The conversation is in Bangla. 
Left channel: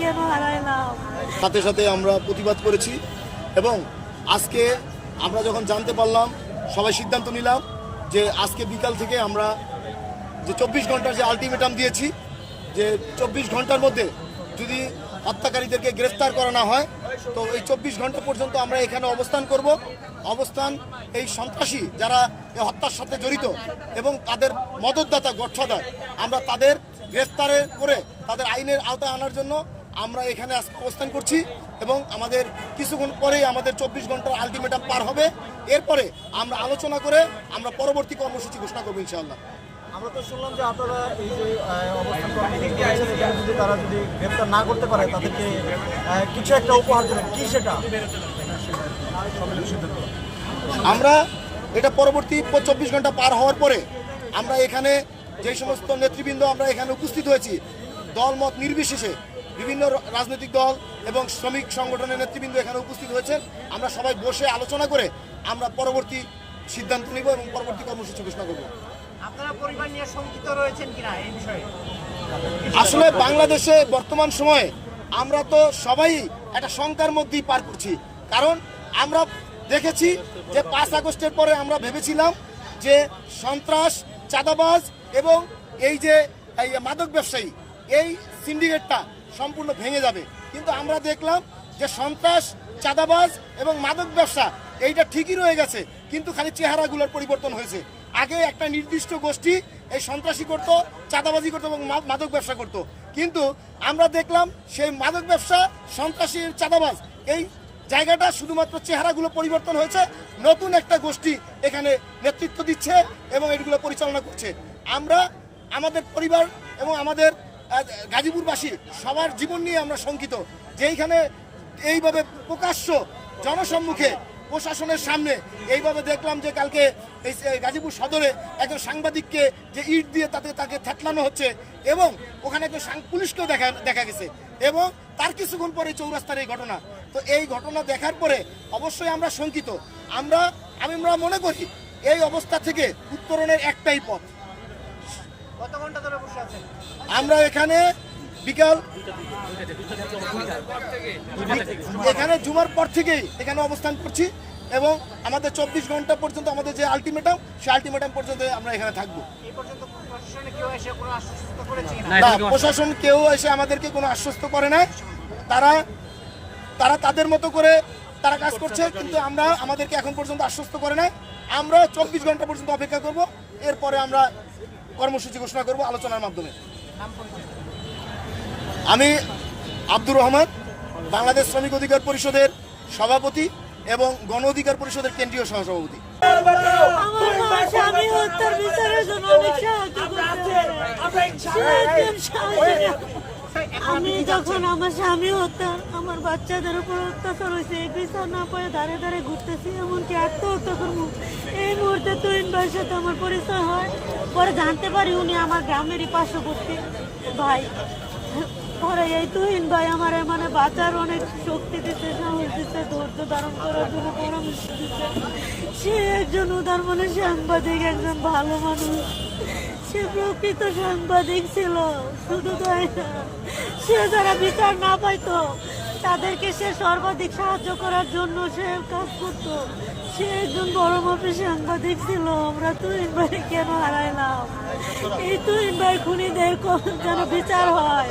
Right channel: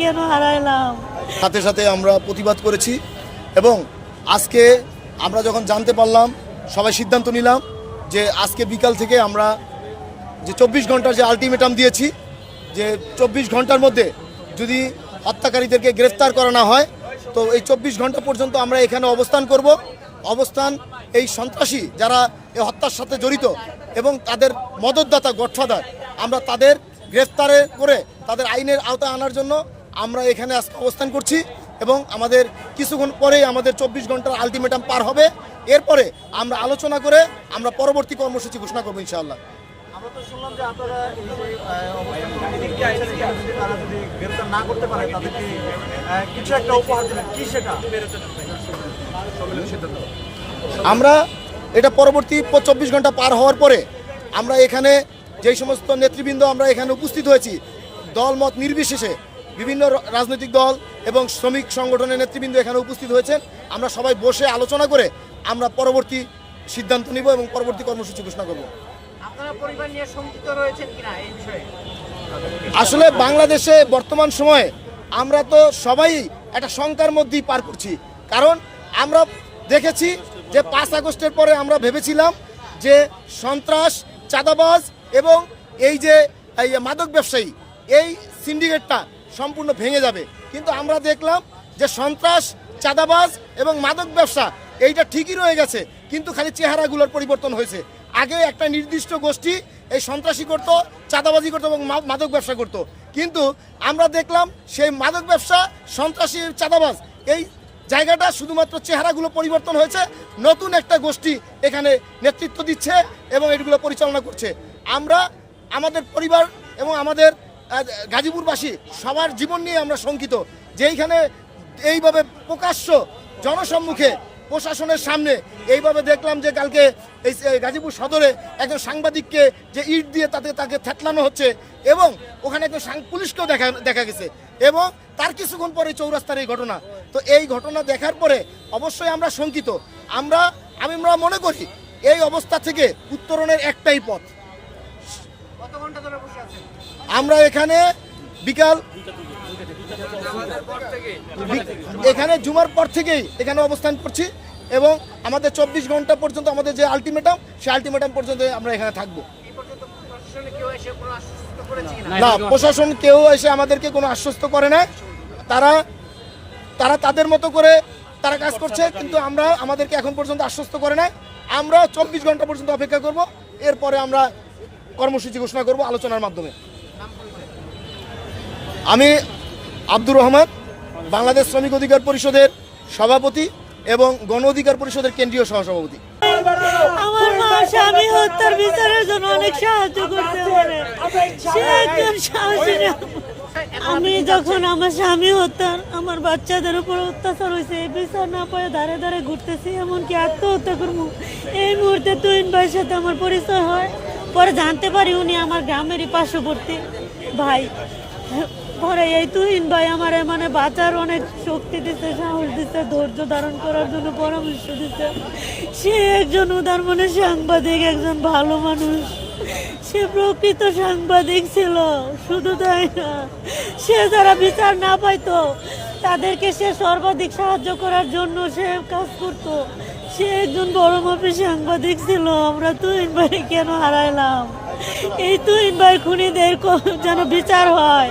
কেন হারাইলাম? সাথে সাথে আমরা প্রতিবাদ করেছি এবং আজকে আমরা যখন জানতে পারলাম, সবাই সিদ্ধান্ত নিলাম যে আজকে বিকাল থেকে আমরা যে চব্বিশ ঘণ্টার যে আলটিমেটাম দিয়েছি, যে চব্বিশ ঘণ্টার মধ্যে যদি হত্যাকারীদেরকে গ্রেফতার করা না হয়, তো এই চব্বিশ ঘণ্টা পর্যন্ত আমরা এখানে অবস্থান করব। অবস্থান এই সন্ত্রাসী যারা এই হত্যার সাথে জড়িত এবং তাদের মদতদাতা, গডফাদার, আমরা তাদের গ্রেফতারে করে তাদের আইনের আওতায় আনার জন্য আমরা এখানে অবস্থান করছি এবং আমাদের কিছুক্ষণ পরেই আমাদের চব্বিশ ঘণ্টার আলটিমেটাম পার হবে। এরপরে আমরা আলোচনা করে আমরা পরবর্তী কর্মসূচি ঘোষণা করব ইনশাআল্লাহ। আমরা তো শুনলাম যে আপনারা এই যে অবস্থান কর্মসূচি করেছেন, এখানে যদি তারা যদি গ্রেপ্তার না করতে পারে তাদেরকে কিছু একটা উপহার দেবেন। কি সেটা? আমরা এটা পরবর্তী চব্বিশ ঘণ্টা পার হওয়ার পরে আমরা এখানে যেই সমস্ত নেতৃবৃন্দ আমরা এখানে উপস্থিত হয়েছি দলমত নির্বিশেষে বিভিন্ন রাজনৈতিক দল এবং শ্রমিক সংগঠনের নেতৃবৃন্দ এখানে উপস্থিত হয়েছেন। আমরা সবাই বসে আলোচনা করে আমরা পরবর্তী সিদ্ধান্ত নিব এবং পরবর্তী কর্মসূচি ঘোষণা করব। আসলে বাংলাদেশে বর্তমান সময়ে আমরা তো সবাই একটা শঙ্কার মধ্যেই পার করছি। কারণ আমরা দেখেছি যে পাঁচ আগস্টের পরে আমরা ভেবেছিলাম যে সন্ত্রাস চাঁদাবাজ এবং এই যে, এই মাদক ব্যবসায়ী, এই সিন্ডিকেটটা সম্পূর্ণ ভেঙে যাবে। কিন্তু আমরা দেখলাম যে সন্ত্রাস, চাঁদাবাজ এবং মাদক ব্যবসা, এইটা ঠিকই রয়ে গেছে, কিন্তু খালি চেহারাগুলোর পরিবর্তন হয়েছে। আগে একটা নির্দিষ্ট গোষ্ঠী এই সন্ত্রাসী করতো, চাঁদাবাজি করতো এবং মাদক ব্যবসা করতো। কিন্তু আমরা দেখলাম সেই মাদক ব্যবসা, সন্ত্রাসী, চাঁদাবাজ, এই জায়গাটা শুধুমাত্র চেহারাগুলো পরিবর্তন হয়েছে, নতুন একটা গোষ্ঠী এখানে নেতৃত্ব দিচ্ছে এবং এগুলো পরিচালনা করছে। আমরা, আমাদের পরিবার এবং আমাদের গাজীপুরবাসী সবার জীবন নিয়ে আমরা শঙ্কিত যে এইখানে এইভাবে প্রকাশ্য জনসম্মুখে প্রশাসনের সামনে এইভাবে দেখলাম যে কালকে এই গাজীপুর সদরে একজন সাংবাদিককে যে ইট দিয়ে তাতে তাকে থেতলানো হচ্ছে এবং ওখানে একজন পুলিশকেও দেখা দেখা গেছে এবং তার কিছুক্ষণ পরে চৌরাস্তার এই ঘটনা। তো এই ঘটনা দেখার পরে অবশ্যই আমরা শঙ্কিত। আমরা আমি আমরা মনে করি এই অবস্থা থেকে উত্তরণের একটাই পথ। আমরা এখানে বিকাল এখানে জুমার পর থেকেই এখানে অবস্থান করছি এবং আমাদের চব্বিশ ঘণ্টা পর্যন্ত আমাদের যে আলটিমেটাম সেই আলটিমেটাম পর্যন্ত আমরা এখানে থাকব। প্রশাসন কেউ এসে আমাদেরকে কোনো আশ্বস্ত করে না তারা তারা তাদের মতো করে তারা কাজ করছে, কিন্তু আমরা আমাদেরকে এখন পর্যন্ত আশ্বস্ত করে না আমরা চব্বিশ ঘণ্টা পর্যন্ত অপেক্ষা করব, এরপরে আমরা কর্মসূচি ঘোষণা করব আলোচনার মাধ্যমে। আমি আব্দুর রহমান, বাংলাদেশ শ্রমিক অধিকার পরিষদের সভাপতি এবং গণ অধিকার পরিষদের কেন্দ্রীয় সহসভাপতি। আমার। আমি যখন আমার স্বামী হত্যা, আমার বাচ্চাদের উপর অত্যাচার হয়েছে, এই বিচার না পারে ধারে ধারে ঘুরতেছি, এমনকি আত্মহত্যা করব। এই মুহূর্তে তুহিন ভাইয়ের সাথে আমার পরিচয় হয়। পরে জানতে পারি উনি আমার গ্রামেরই পার্শ্ববর্তী ভাই। পরে এই তুহিন ভাই আমার মানে বাঁচার অনেক শক্তি দিতে সাহস দিচ্ছে ধৈর্য ধারণ করার জন্য পরামর্শ দিচ্ছে সে একজন উদার মনে সাংবাদিক, একজন ভালো মানুষ। সে প্রকৃত সাংবাদিক ছিল, শুধু তাই না, সে যারা বিচার না পাইতো, তাদেরকে সে সর্বাধিক সাহায্য করার জন্য সে কাজ করত। সে একজন বড় মাপের সাংবাদিক ছিল, আমরা তুইন ভাই কেন হারাইলাম? এই তুইন ভাই খুনিদের যেন বিচার হয়।